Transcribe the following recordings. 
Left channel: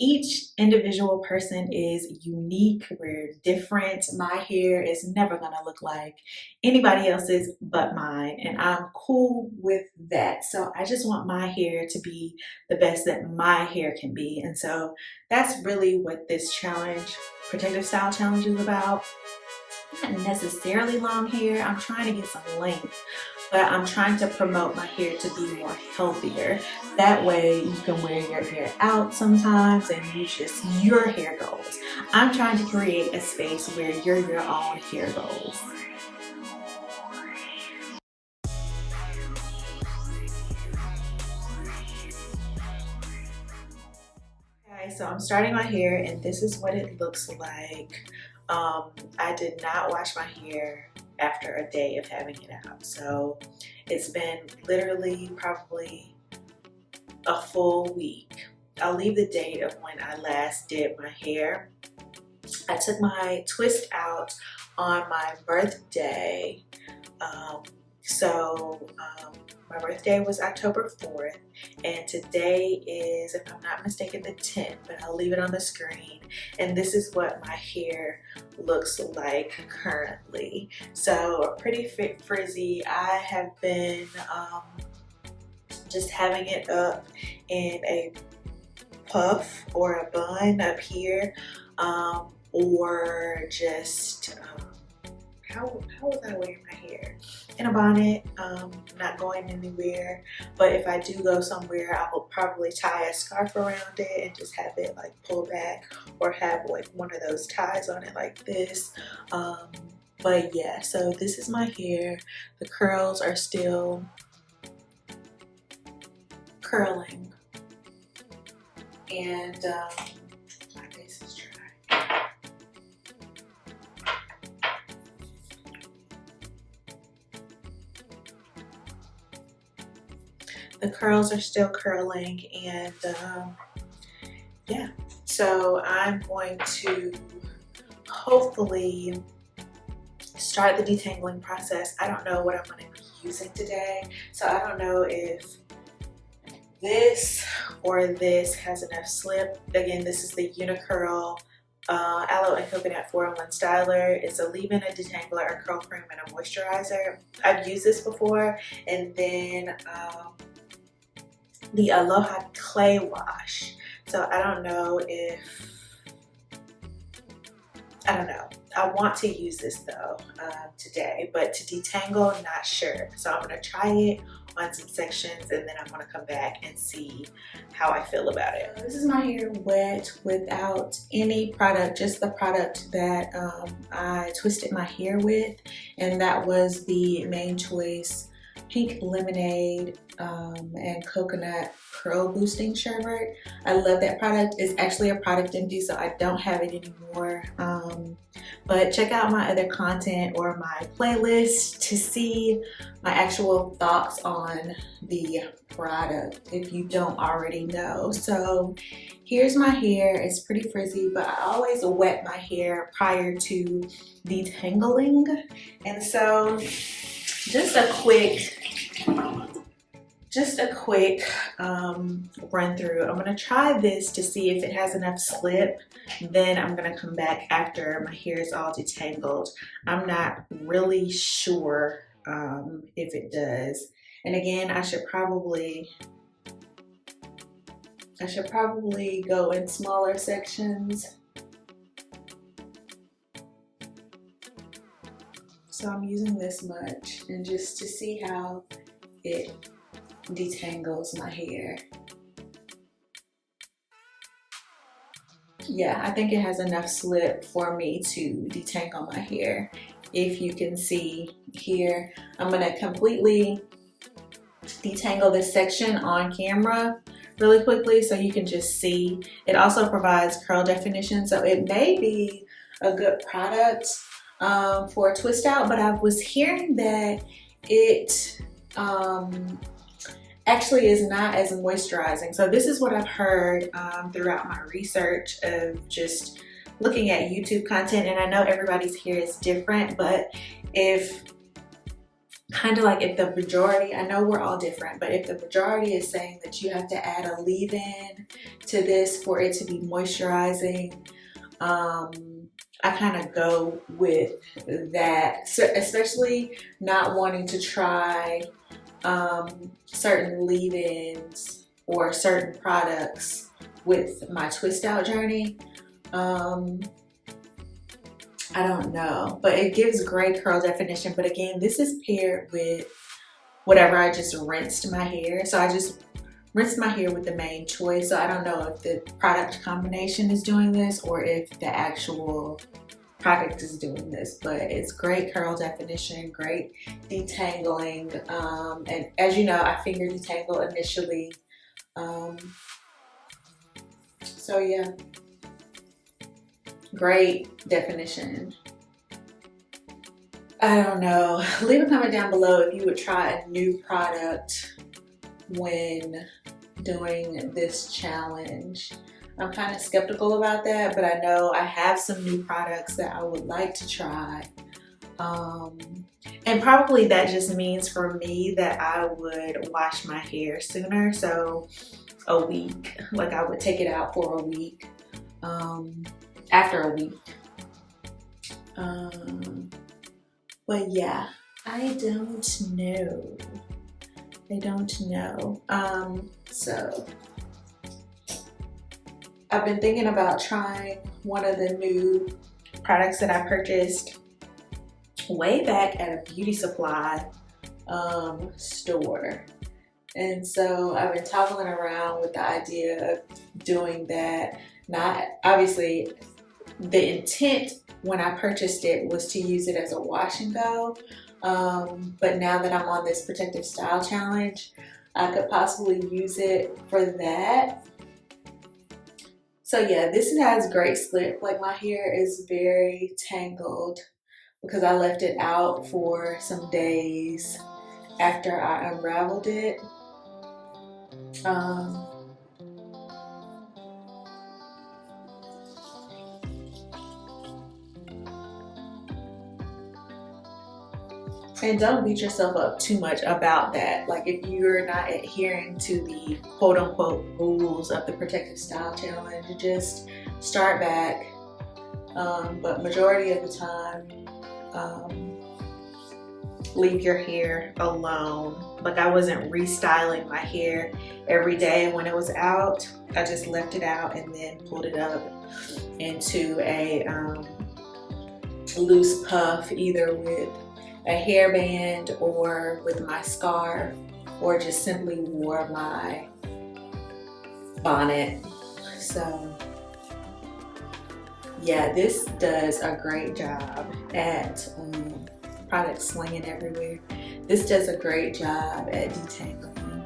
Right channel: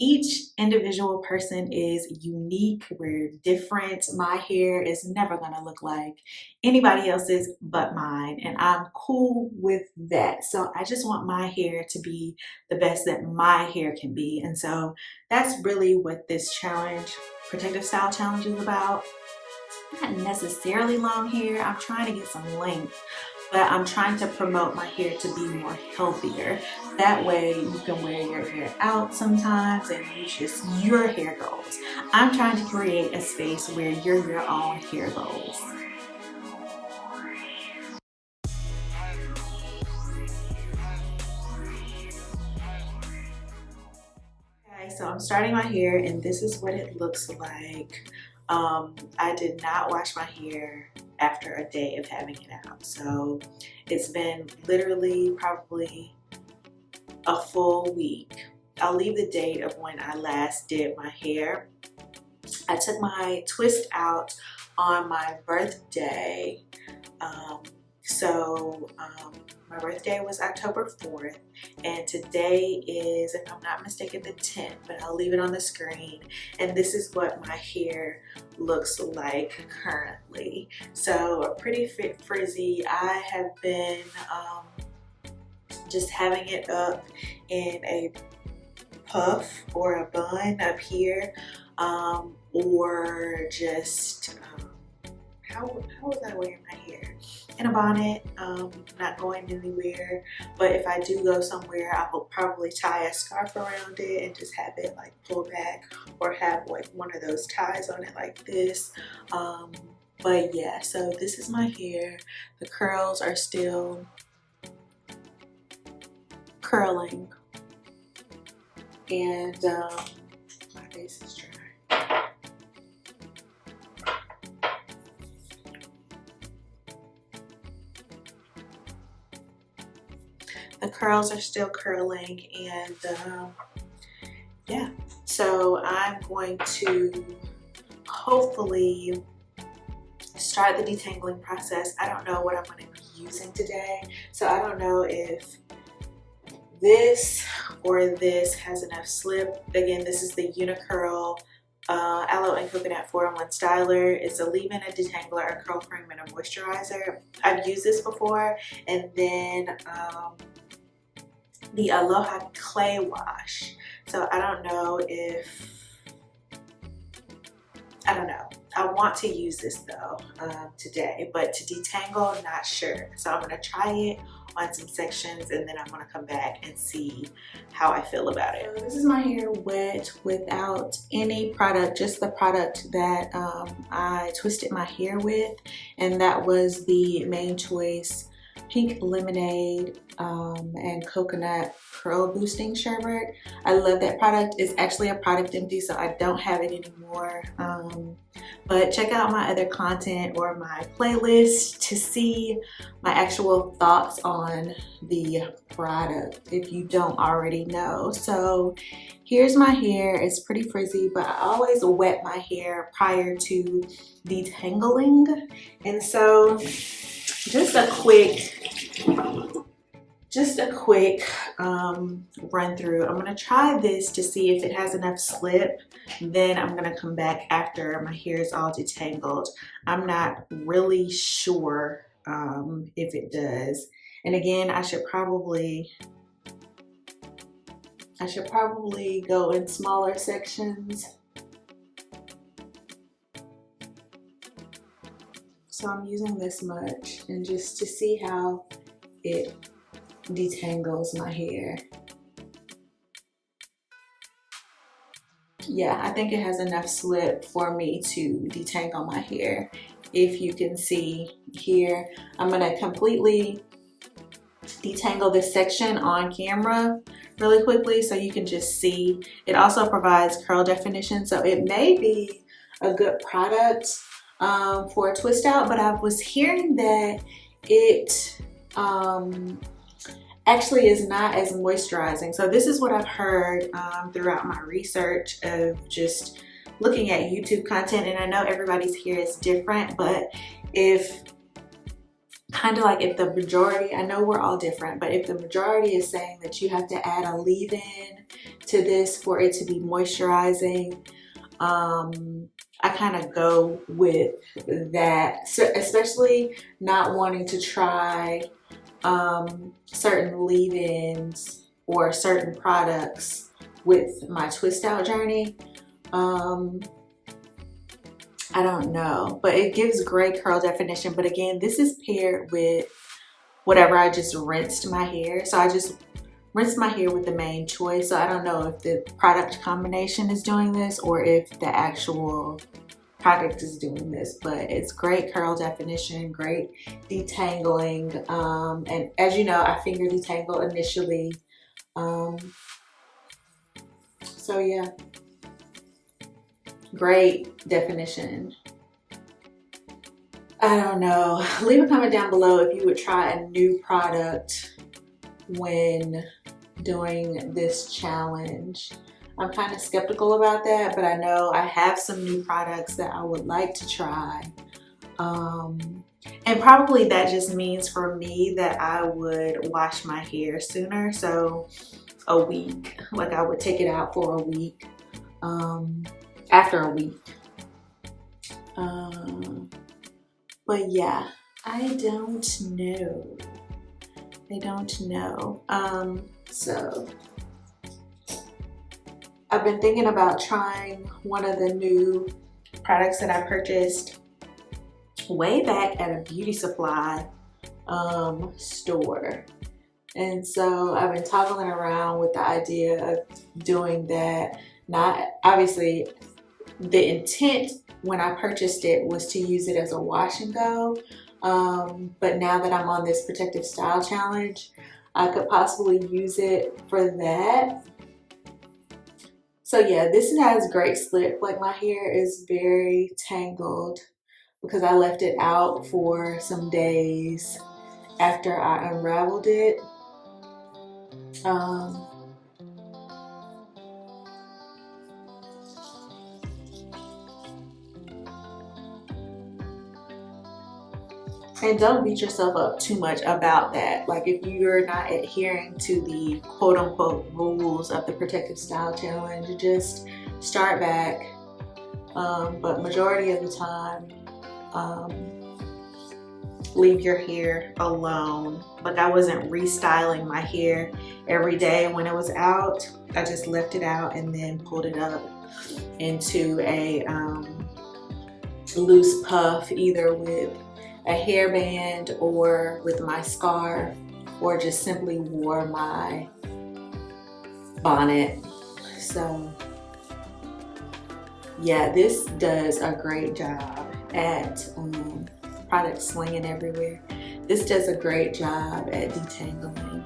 Each individual person is unique. We're different. My hair is never gonna look like anybody else's but mine, and I'm cool with that. So I just want my hair to be the best that my hair can be. And so that's really what this challenge, protective style challenge, is about. Not necessarily long hair. I'm trying to get some length, but I'm trying to promote my hair to be more healthier. That way you can wear your hair out sometimes and use just your hair goals. I'm trying to create a space where you're your own hair goals. Okay, so I'm starting my hair and this is what it looks like. I did not wash my hair after a day of having it out. So it's been literally probably a full week. I'll leave the date of when I last did my hair. I took my twist out on my birthday. My birthday was October 4th, and today is, if I'm not mistaken, the 10th, but I'll leave it on the screen. And this is what my hair looks like currently. So pretty frizzy. I have been just having it up in a puff or a bun up here, or just how was I wearing my hair? In a bonnet, not going anywhere. But if I do go somewhere, I will probably tie a scarf around it and just have it like pull back, or have like one of those ties on it like this. But yeah, so this is my hair. The curls are still curling, and my face is dry. The curls are still curling, and yeah, so I'm going to hopefully start the detangling process. I don't know what I'm going to be using today, so I don't know if this or this has enough slip. Again, this is the Unicurl Aloe and Coconut 4-in-1 Styler. It's a leave-in, a detangler, a curl cream, and a moisturizer. I've used this before. And then the Aloha Clay Wash. So I don't know. I want to use this though today, but to detangle, not sure. So I'm gonna try it on some sections, and then I'm gonna come back and see how I feel about it. So this is my hair wet without any product, just the product that I twisted my hair with, and that was the Main Choice Pink Lemonade and Coconut Curl Boosting Sherbet. I love that product. It's actually a product empty, so I don't have it anymore. But check out my other content or my playlist to see my actual thoughts on the product if you don't already know. So here's my hair. It's pretty frizzy, but I always wet my hair prior to detangling. And so just a quick run through. I'm gonna try this to see if it has enough slip. Then I'm gonna come back after my hair is all detangled. I'm not really sure if it does. And again, I should probably go in smaller sections. So I'm using this much, and just to see how it detangles my hair. Yeah, I think it has enough slip for me to detangle my hair. If you can see here, I'm gonna completely detangle this section on camera really quickly so you can just see. It also provides curl definition, so it may be a good product for a twist out, but I was hearing that it actually is not as moisturizing. So this is what I've heard throughout my research of just looking at YouTube content, and I know everybody's hair is different, but if kind of like if the majority, I know we're all different, but if the majority is saying that you have to add a leave-in to this for it to be moisturizing, I kind of go with that. So especially not wanting to try certain leave-ins or certain products with my twist out journey. I don't know, but it gives great curl definition. But again, this is paired with whatever I just rinsed my hair. So I just rinsed my hair with the main choice. So I don't know if the product combination is doing this or if the actual product is doing this, but it's great curl definition, great detangling. And as you know, I finger detangle initially. So yeah. Great definition. I don't know. Leave a comment down below if you would try a new product when doing this challenge. I'm kind of skeptical about that, but I know I have some new products that I would like to try. And probably that just means for me that I would wash my hair sooner. So a week, like I would take it out for a week. After a week. But yeah, I don't know. So I've been thinking about trying one of the new products that I purchased way back at a beauty supply store. And so I've been toggling around with the idea of doing that. Not obviously, the intent when I purchased it was to use it as a wash and go, but now that I'm on this protective style challenge, I could possibly use it for that. So yeah, this has great slip. Like my hair is very tangled because I left it out for some days after I unraveled it. And don't beat yourself up too much about that. Like if you're not adhering to the quote unquote rules of the protective style challenge, just start back. But majority of the time, leave your hair alone. Like I wasn't restyling my hair every day when it was out. I just left it out and then pulled it up into a loose puff, either with a hairband or with my scarf, or just simply wore my bonnet. So yeah, this does a great job at product slinging everywhere. This does a great job at detangling,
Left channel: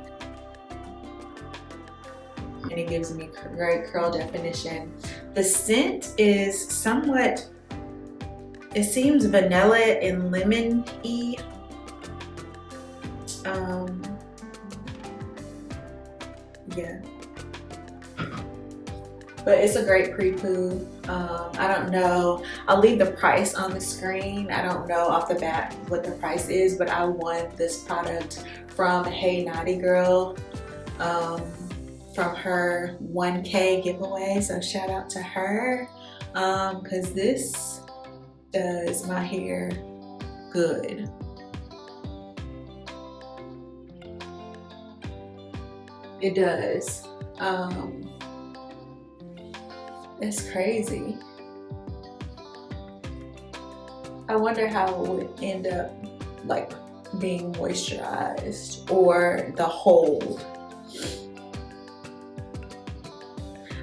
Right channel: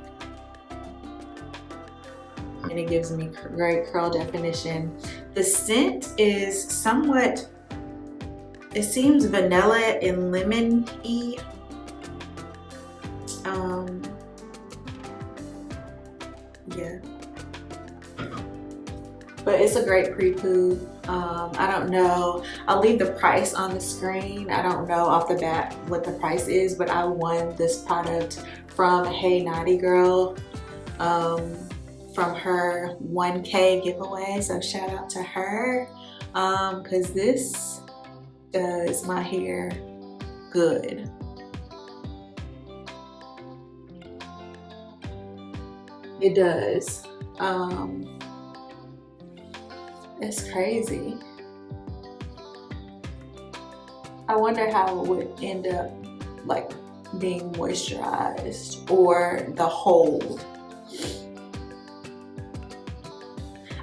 and it gives me great curl definition. The scent is somewhat, it seems vanilla and lemon-y. Yeah. But it's a great pre-poo. I don't know. I'll leave the price on the screen. I don't know off the bat what the price is, but I won this product from Hey Naughty Girl from her 1K giveaway. So shout out to her because this does my hair good. It does. It's crazy. I wonder how it would end up like being moisturized or the hold.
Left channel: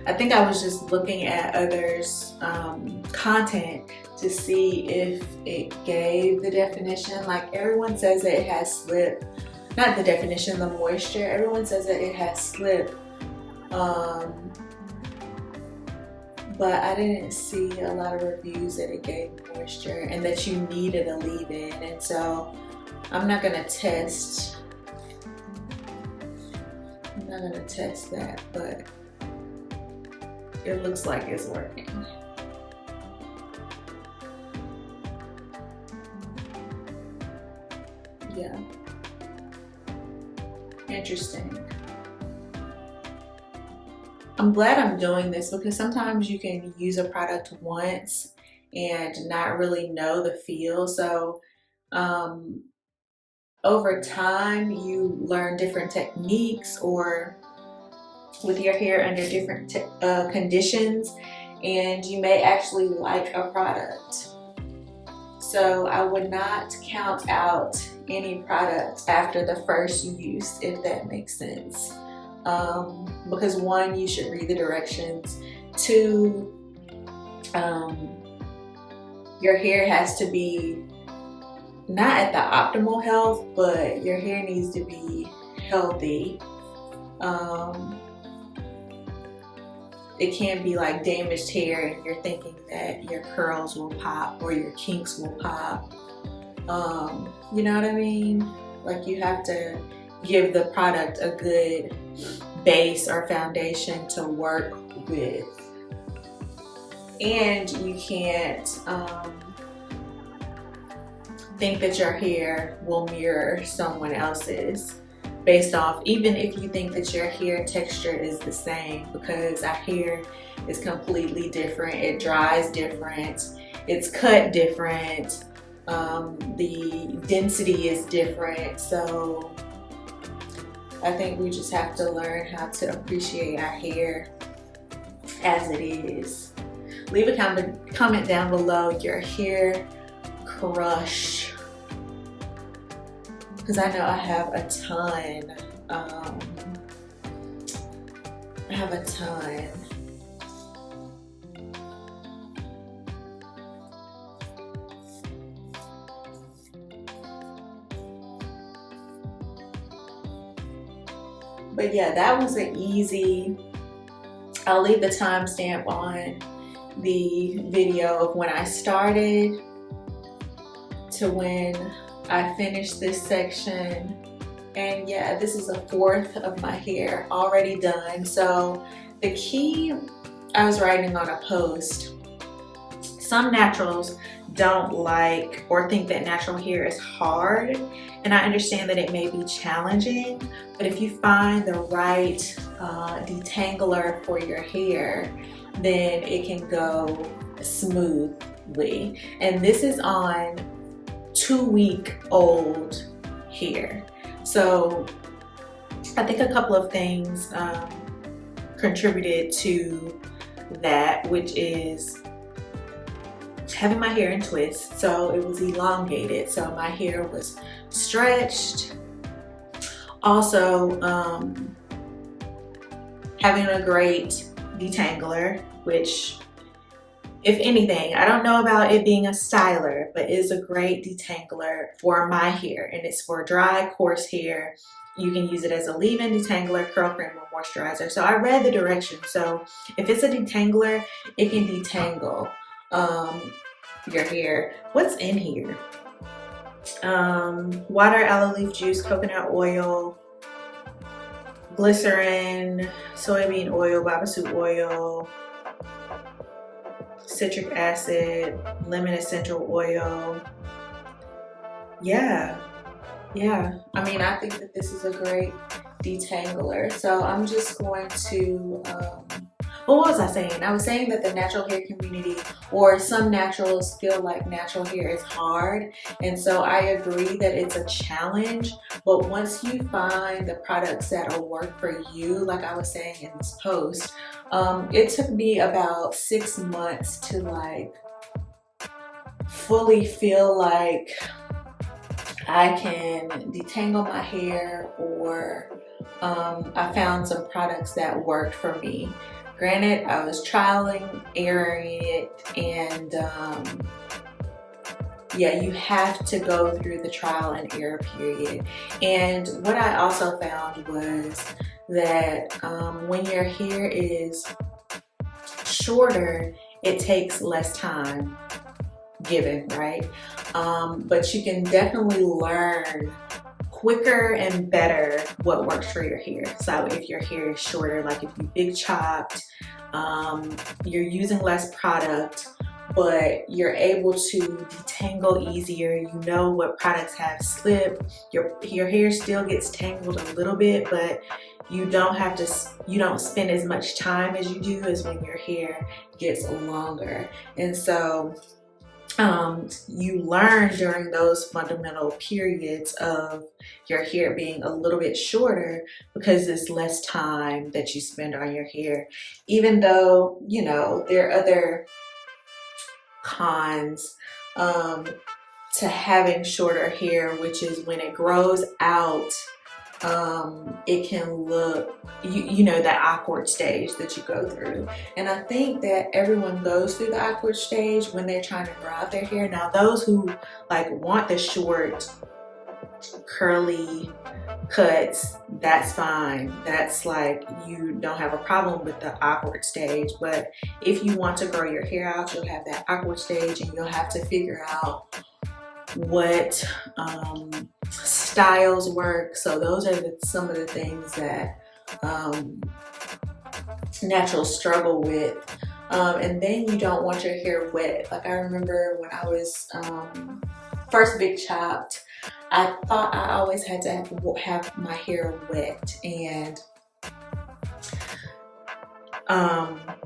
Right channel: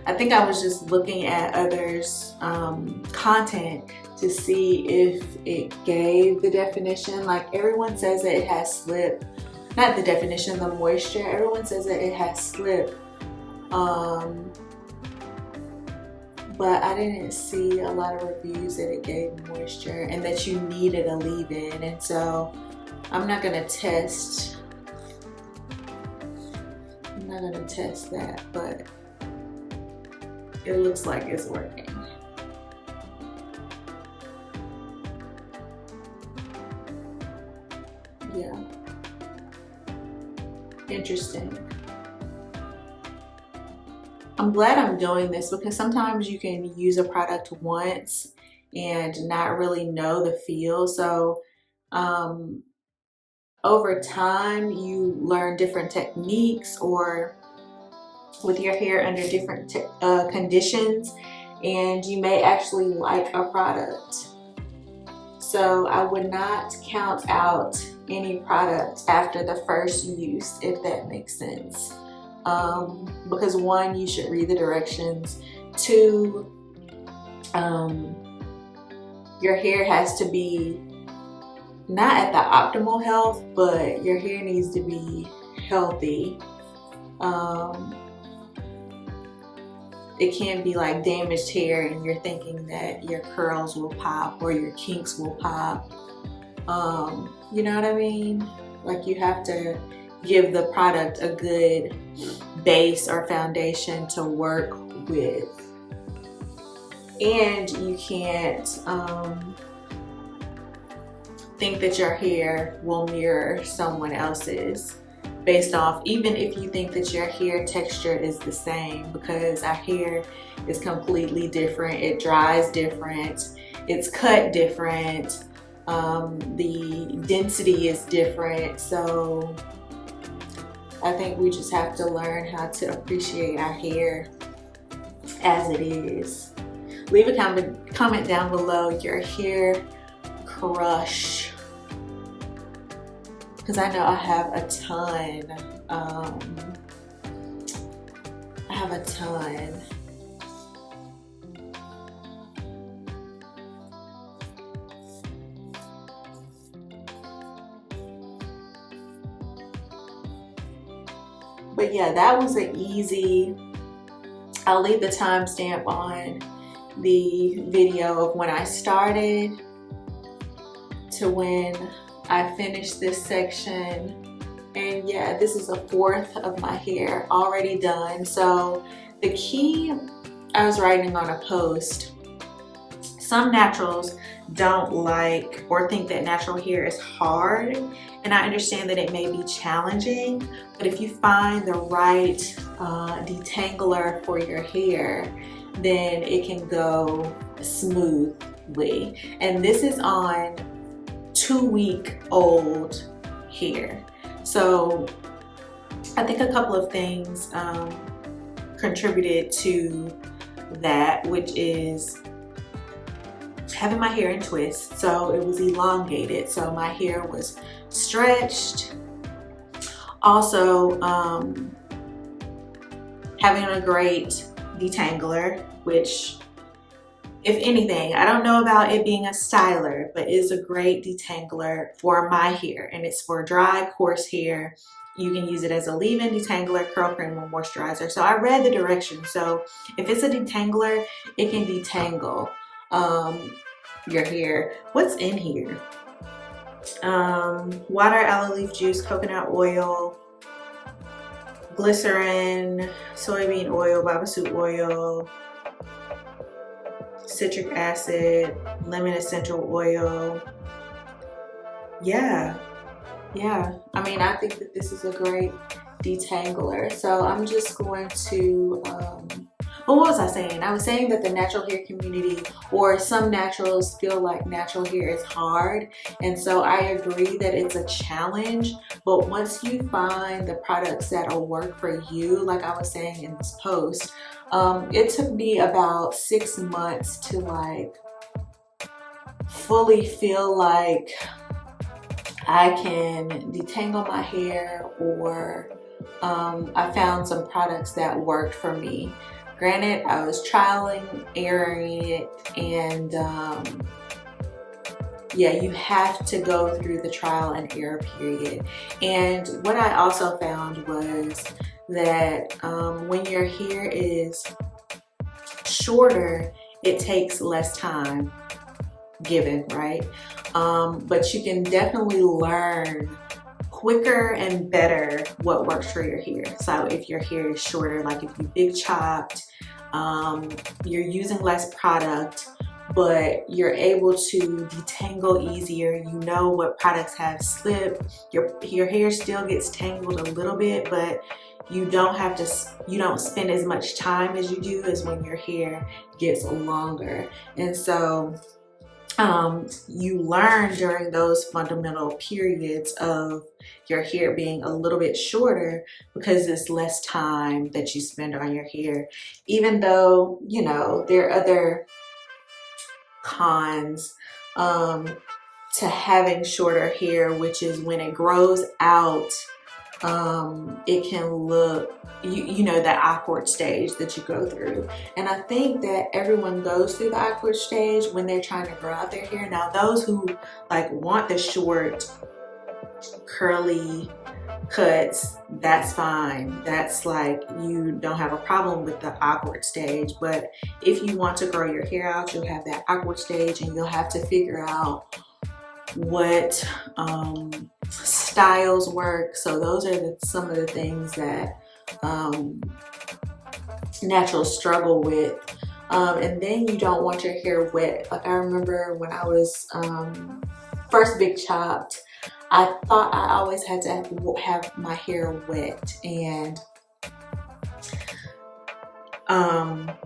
I think I was just looking at others' content to see if it gave the definition. Like everyone says that it has slip, not the definition, the moisture. Everyone says that it has slip. But I didn't see a lot of reviews that it gave moisture and that you needed a leave-in. And so I'm not gonna test that, but it looks like it's working. Yeah. Interesting. I'm glad I'm doing this because sometimes you can use a product once and not really know the feel. So over time you learn different techniques or with your hair under different conditions, and you may actually like a product. So I would not count out any product after the first use, if that makes sense. Because one, you should read the directions. Two, your hair has to be not at the optimal health, but your hair needs to be healthy. It can't be like damaged hair and you're thinking that your curls will pop or your kinks will pop. You know what I mean? Like, you have to give the product a good base or foundation to work with. And you can't think that your hair will mirror someone else's based off, even if you think that your hair texture is the same, because our hair is completely different. It dries different, it's cut different, the density is different. So I think we just have to learn how to appreciate our hair as it is. Leave a comment down below your hair crush, because I know I have a ton. I have a ton. But yeah, that was an easy. I'll leave the timestamp on the video of when I started to when I finished this section. And yeah, this is a fourth of my hair already done. So the key, I was writing on a post, some naturals don't like or think that natural hair is hard, and I understand that it may be challenging, but if you find the right detangler for your hair, then it can go smoothly. And this is on 2-week-old hair. So I think a couple of things contributed to that, which is having my hair in twists. So it was elongated, so my hair was stretched. Also, having a great detangler, which, if anything, I don't know about it being a styler, but it is a great detangler for my hair, and it's for dry, coarse hair. You can use it as a leave-in detangler, curl cream, or moisturizer. So I read the directions. So if it's a detangler, it can detangle your hair. What's in here? Water, aloe leaf juice, coconut oil, glycerin, soybean oil, babassu oil, citric acid, lemon essential oil. Yeah. I mean, I think that this is a great detangler. So I'm just going to, what was I saying? I was saying that the natural hair community, or some naturals, feel like natural hair is hard. And so I agree that it's a challenge, but once you find the products that'll work for you, like I was saying in this post, it took me about 6 months to like fully feel like I can detangle my hair, or I found some products that worked for me. Granted, I was trialing, erroring it, and yeah, you have to go through the trial and error period. And what I also found was that when your hair is shorter, it takes less time given, right? But you can definitely learn quicker and better what works for your hair. So if your hair is shorter, like if you big chopped, you're using less product, but you're able to detangle easier. You know what products have slip. Your hair still gets tangled a little bit, but you don't have to, you don't spend as much time as you do as when your hair gets longer. And so you learn during those fundamental periods of your hair being a little bit shorter because it's less time that you spend on your hair. Even though, you know, there are other cons to having shorter hair, which is when it grows out, it can look, you know, that awkward stage that you go through. And I think that everyone goes through the awkward stage when they're trying to grow out their hair. Now, those who like want the short, curly cuts, that's fine. That's like, you don't have a problem with the awkward stage. But if you want to grow your hair out, you'll have that awkward stage, and you'll have to figure out what styles work. So those are some of the things that naturals struggle with. And then you don't want your hair wet. Like, I remember when I was first big chopped, I thought I always had to have my hair wet, and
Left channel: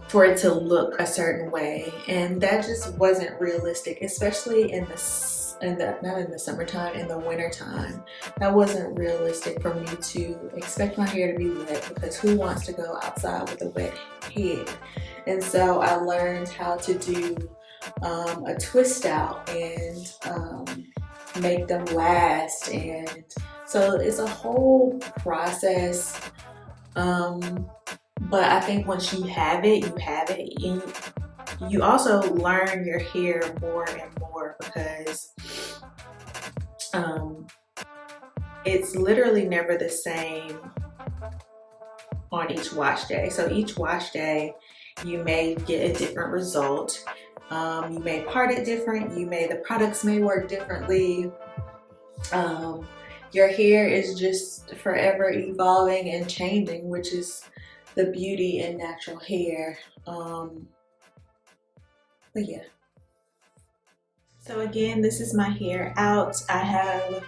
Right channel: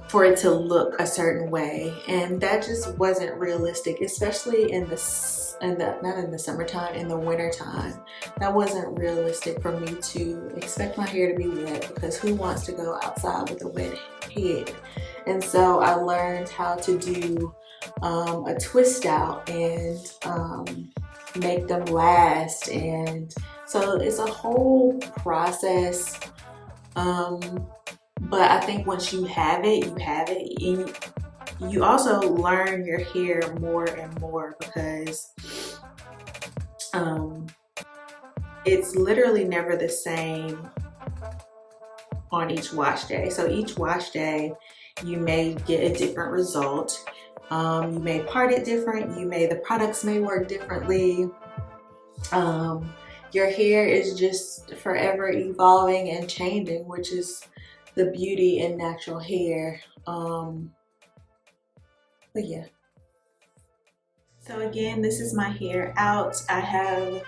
for it to look a certain way, and that just wasn't realistic, especially in the not in the summertime, in the winter time. That wasn't realistic for me to expect my hair to be wet, because who wants to go outside with a wet head? And so I learned how to do a twist out and make them last. And so it's a whole process, but I think once you have it, you have it. And you also learn your hair more and more, because it's literally never the same on each wash day. So each wash day you may get a different result. You may part it different, the products may work differently. Your hair is just forever evolving and changing, which is the beauty in natural hair. But yeah. So again, this is my hair out. I have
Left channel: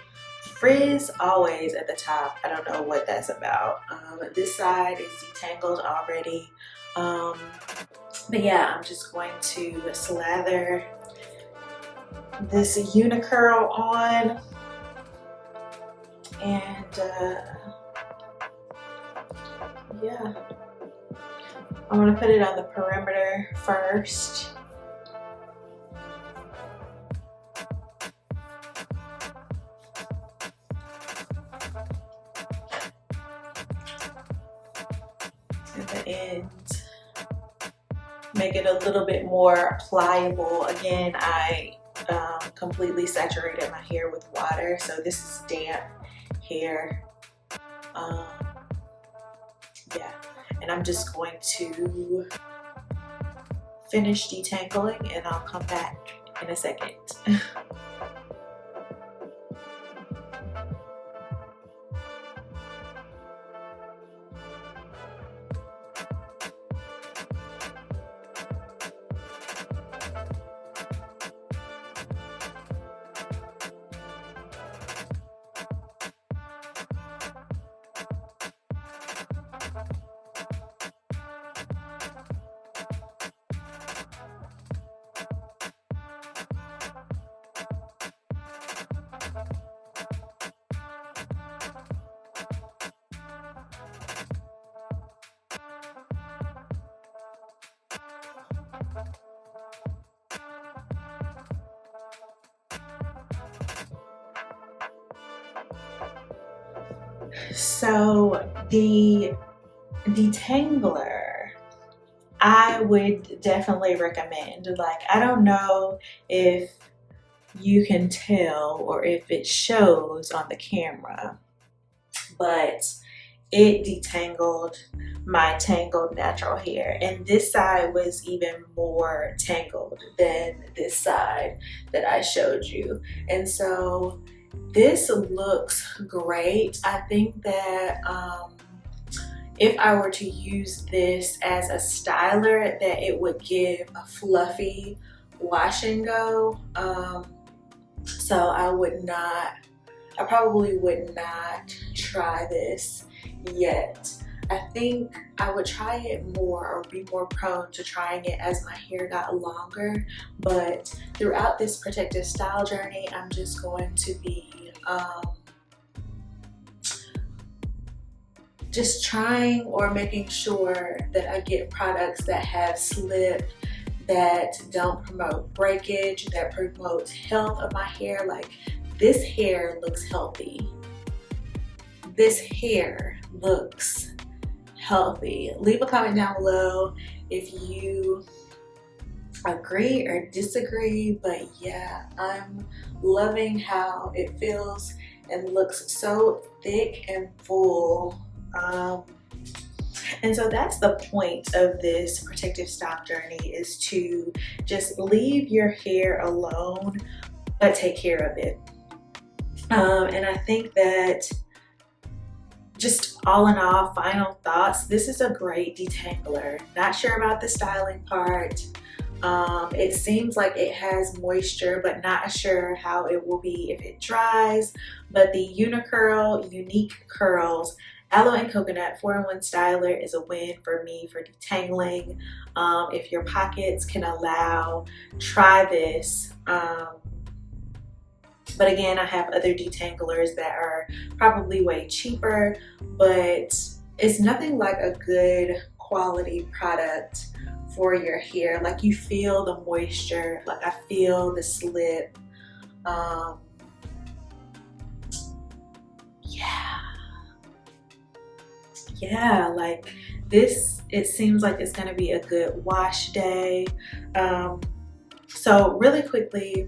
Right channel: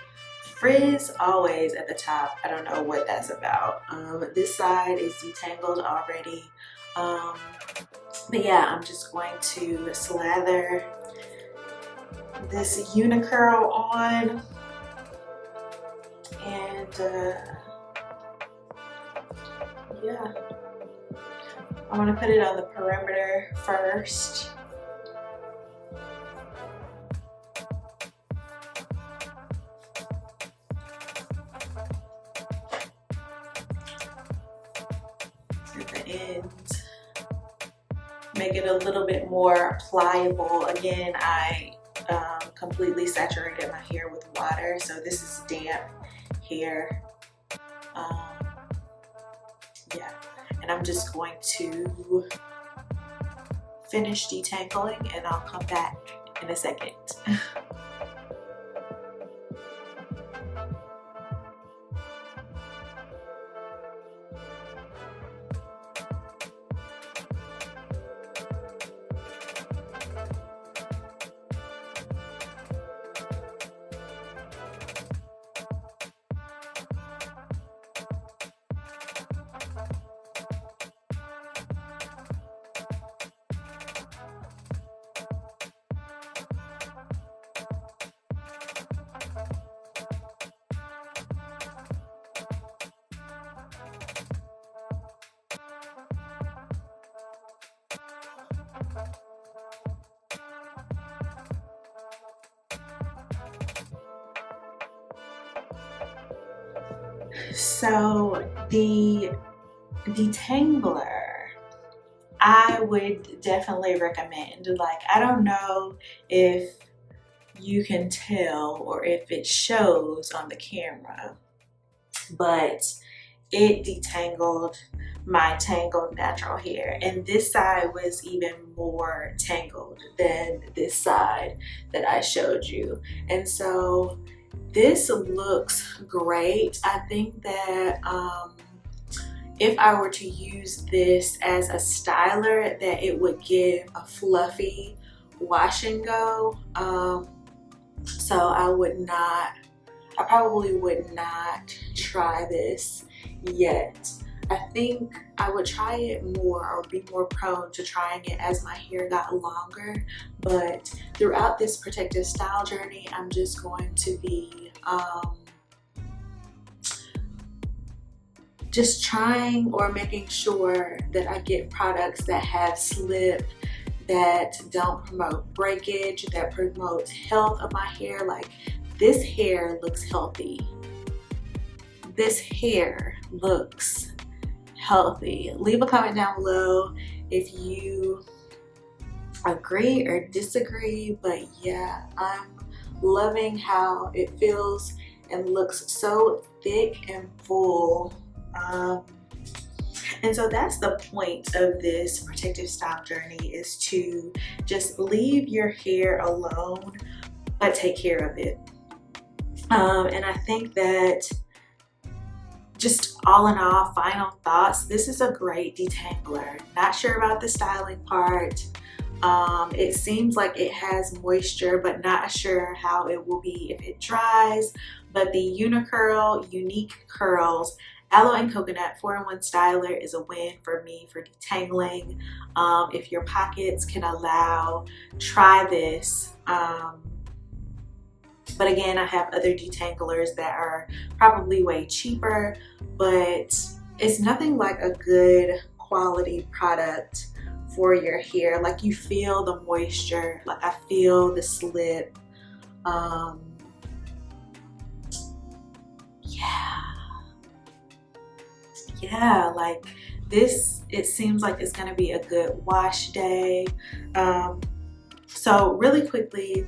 frizz always at the top. I don't know what that's about. This side is detangled already. But yeah, I'm just going to slather this unicurl on, and yeah, I'm gonna put it on the perimeter first. At the end, make it a little bit more pliable. Again, I completely saturated my hair with water, so this is damp hair. Yeah, and I'm just going to finish detangling, and I'll come back in a second. So the detangler, I would definitely recommend. Like, I don't know if you can tell or if it shows on the camera, but it detangled my tangled natural hair, and this side was even more tangled than this side that I showed you. And so this looks great. I think that if I were to use this as a styler, that it would give a fluffy wash and go. So I probably would not try this yet. I think I would try it more, or be more prone to trying it as my hair got longer. But throughout this protective style journey, I'm just going to be just trying or making sure that I get products that have slip, that don't promote breakage, that promotes health of my hair. Like, this hair looks healthy. This hair looks healthy. Leave a comment down below if you agree or disagree, but yeah, I'm loving how it feels and looks so thick and full. And so that's the point of this protective style journey, is to just leave your hair alone, but take care of it. And I think that, just all in all, final thoughts, this is a great detangler. Not sure about the styling part. It seems like it has moisture, but not sure how it will be if it dries. But the Unique Curls Aloe and Coconut 4-in-1 Styler is a win for me for detangling. If your pockets can allow, try this. But again, I have other detanglers that are probably way cheaper, but it's nothing like a good quality product for your hair. Like, you feel the moisture, like I feel the slip. Yeah, like this, it seems like it's gonna be a good wash day. So really quickly,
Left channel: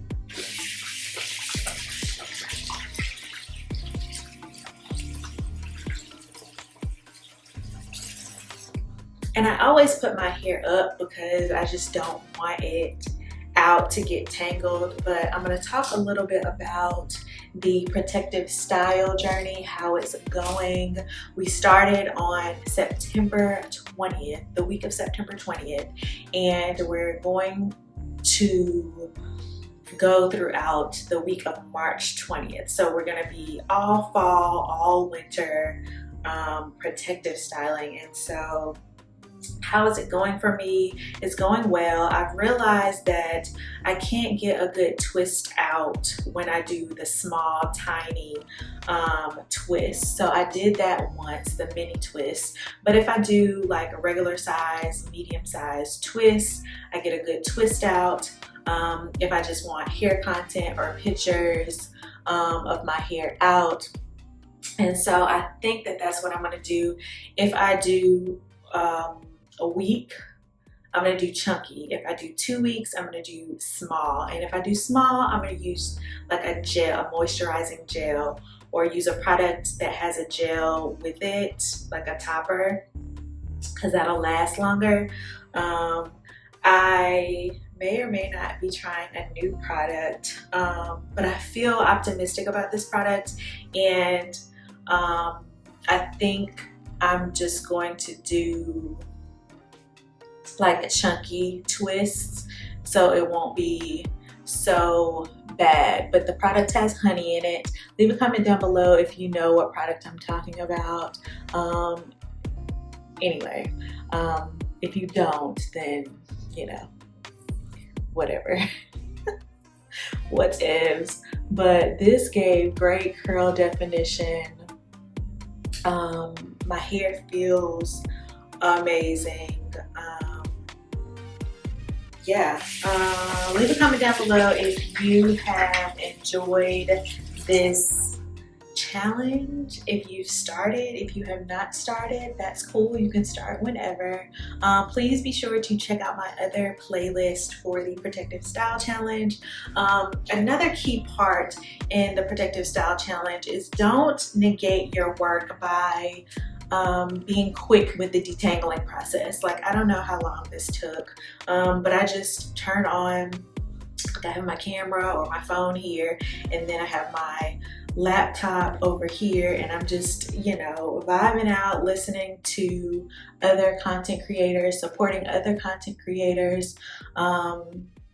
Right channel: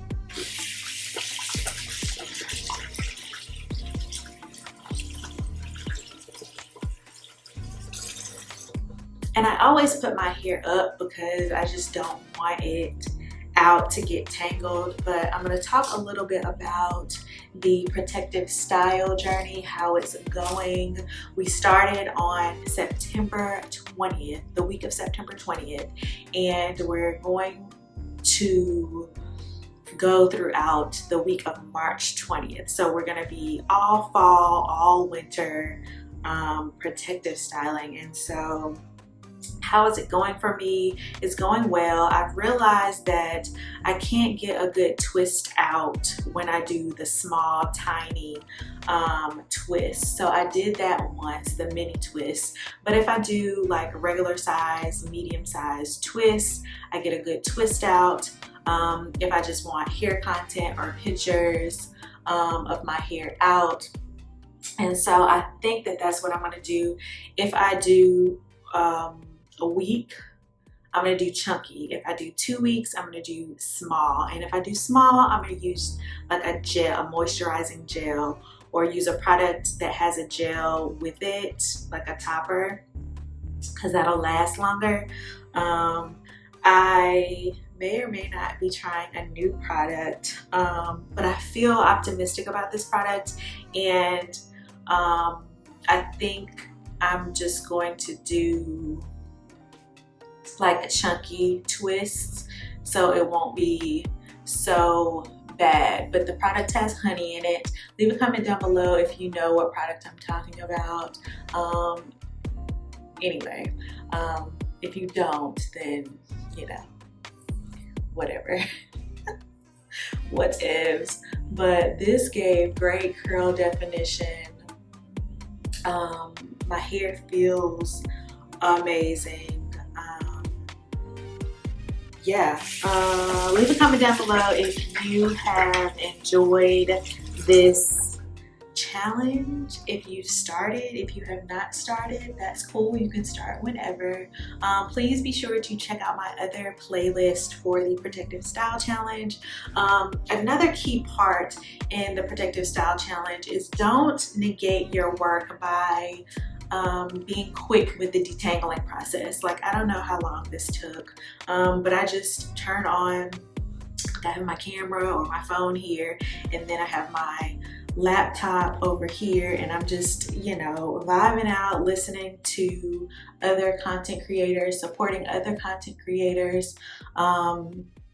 and I always put my hair up because I just don't want it out to get tangled, but I'm going to talk a little bit about the protective style journey, how it's going. We started on September 20th, the week of September 20th, and we're going to go throughout the week of March 20th. So we're going to be all fall, all winter protective styling. And so how is it going for me? It's going well. I've realized that I can't get a good twist out when I do the small, tiny twist. So I did that once, the mini twist. But if I do like a regular size, medium size twist, I get a good twist out. If I just want hair content or pictures of my hair out. And so I think that that's what I'm gonna do. If I do a week, I'm gonna do chunky. If I do 2 weeks, I'm gonna do small. And if I do small, I'm gonna use like a gel, a moisturizing gel, or use a product that has a gel with it, like a topper, because that'll last longer. I may or may not be trying a new product, but I feel optimistic about this product, and I think I'm just going to do like a chunky twist, so it won't be so bad. But the product has honey in it. Leave a comment down below if you know what product I'm talking about. Anyway, if you don't, then you know, whatever. What ifs. But this gave great curl definition. My hair feels amazing. Yeah, leave a comment down below if you have enjoyed this challenge. If you've started, if you have not started, that's cool. You can start whenever. Please be sure to check out my other playlist for the Protective Style Challenge. Another key part in the Protective Style Challenge is don't negate your work by being quick with the detangling process. Like, I don't know how long this took, but I just turn on, I have my camera or my phone here, and then I have my laptop over here, and I'm just, you know, vibing out, listening to other content creators, supporting other content creators.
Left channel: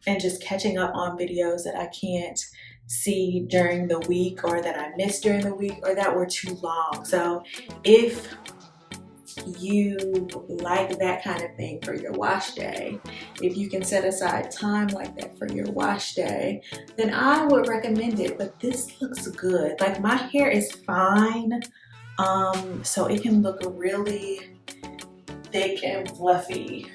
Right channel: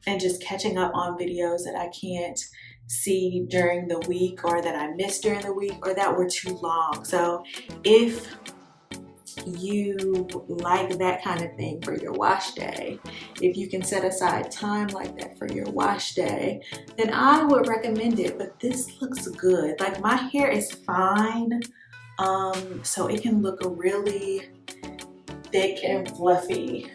and just catching up on videos that I can't see during the week, or that I missed during the week, or that were too long. So if you like that kind of thing for your wash day, if you can set aside time like that for your wash day, then I would recommend it. But this looks good. Like, my hair is fine, so it can look really thick and fluffy.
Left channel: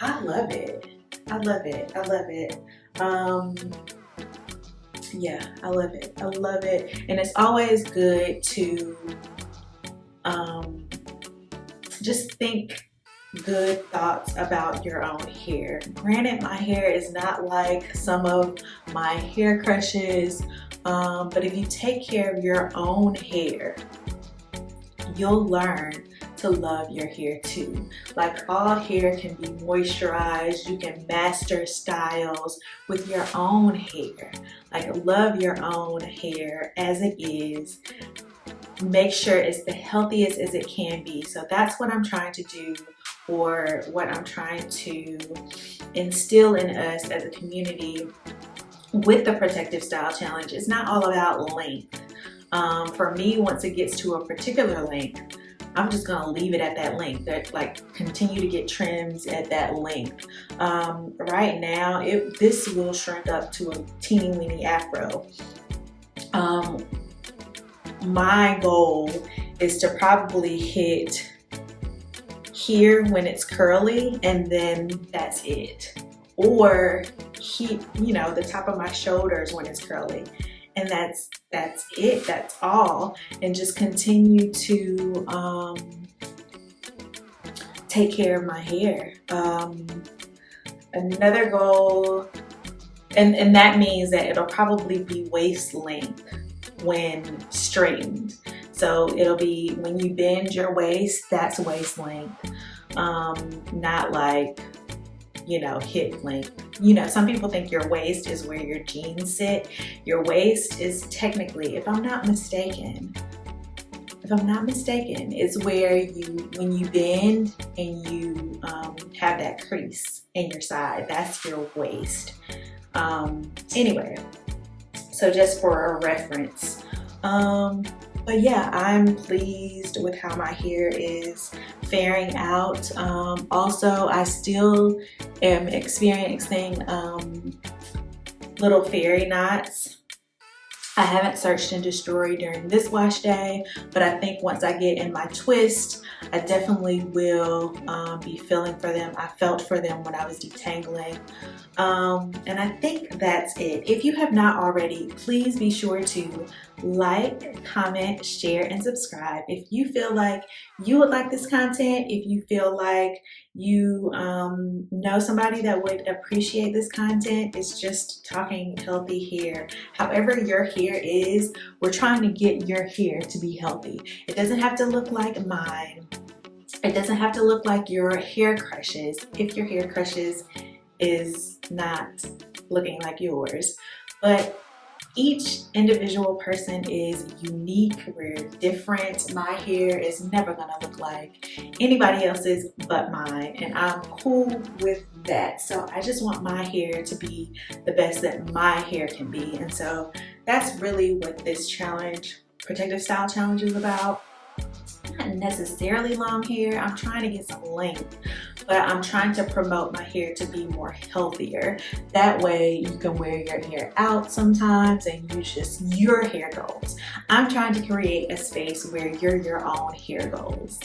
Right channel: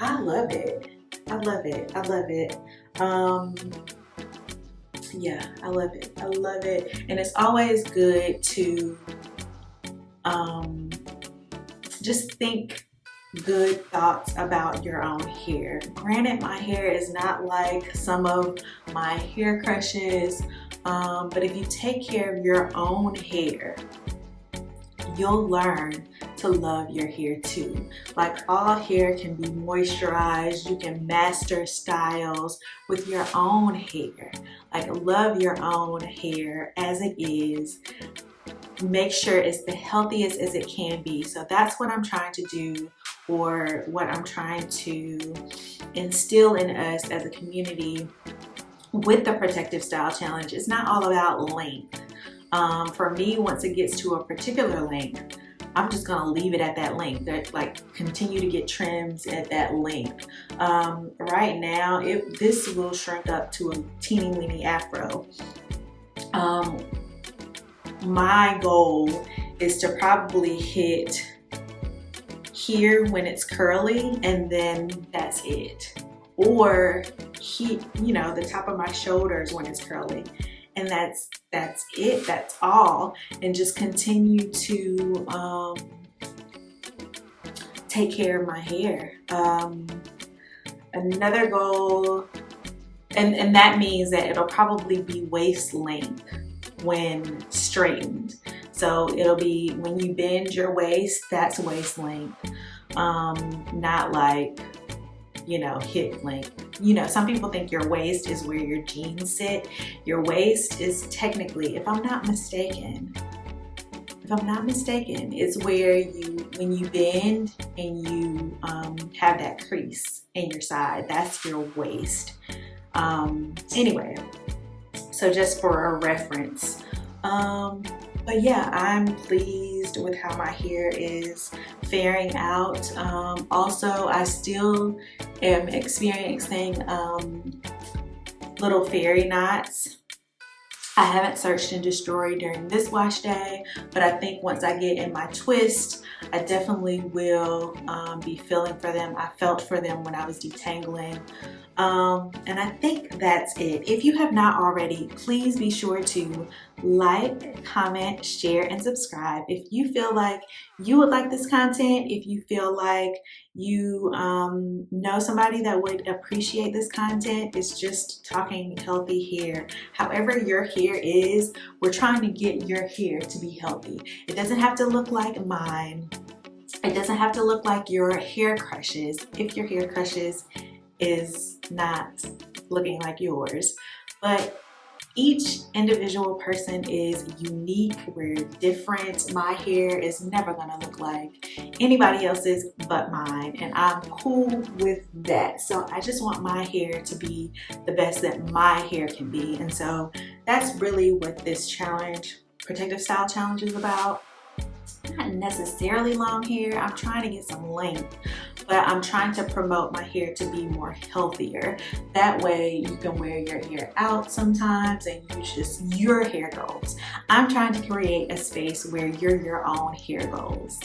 I love it. I love it. I love it. Yeah, I love it. I love it. And it's always good to just think good thoughts about your own hair. Granted, my hair is not like some of my hair crushes, but if you take care of your own hair, you'll learn to love your hair too. Like, all hair can be moisturized. You can master styles with your own hair. Like, love your own hair as it is. Make sure it's the healthiest as it can be. So that's what I'm trying to do, or what I'm trying to instill in us as a community with the Protective Style Challenge. It's not all about length. For me, once it gets to a particular length, I'm just gonna leave it at that length. That, like, continue to get trims at that length. Right now, this will shrink up to a teeny weeny afro. My goal is to probably hit here when it's curly, and then that's it. Or hit, you know, the top of my shoulders when it's curly, and that's it. That's all. And just continue to take care of my hair. Another goal, and that means that it'll probably be waist length when straightened. So it'll be, when you bend your waist, that's waist length. Not like, you know, hip length. You know, some people think your waist is where your jeans sit. Your waist is technically, if I'm not mistaken, it's where when you bend and you have that crease in your side, that's your waist. Anyway, so just for a reference. But yeah, I'm pleased with how my hair is faring out. Also, I still am experiencing little fairy knots. I haven't searched into Story during this wash day, but I think once I get in my twist, I definitely will be feeling for them. I felt for them when I was detangling. And I think that's it. If you have not already, please be sure to like, comment, share, and subscribe. If you feel like you would like this content, if you feel like you know somebody that would appreciate this content, it's just talking healthy hair. However your hair is, we're trying to get your hair to be healthy. It doesn't have to look like mine. It doesn't have to look like your hair crushes, if your hair crushes is not looking like yours. But each individual person is unique. We're different. My hair is never gonna look like anybody else's but mine, and I'm cool with that. So I just want my hair to be the best that my hair can be. And so that's really what this challenge, Protective Style Challenge, is about. Not necessarily long hair. I'm trying to get some length, but I'm trying to promote my hair to be more healthier. That way you can wear your hair out sometimes and use just your hair goals. I'm trying to create a space where you're your own hair goals.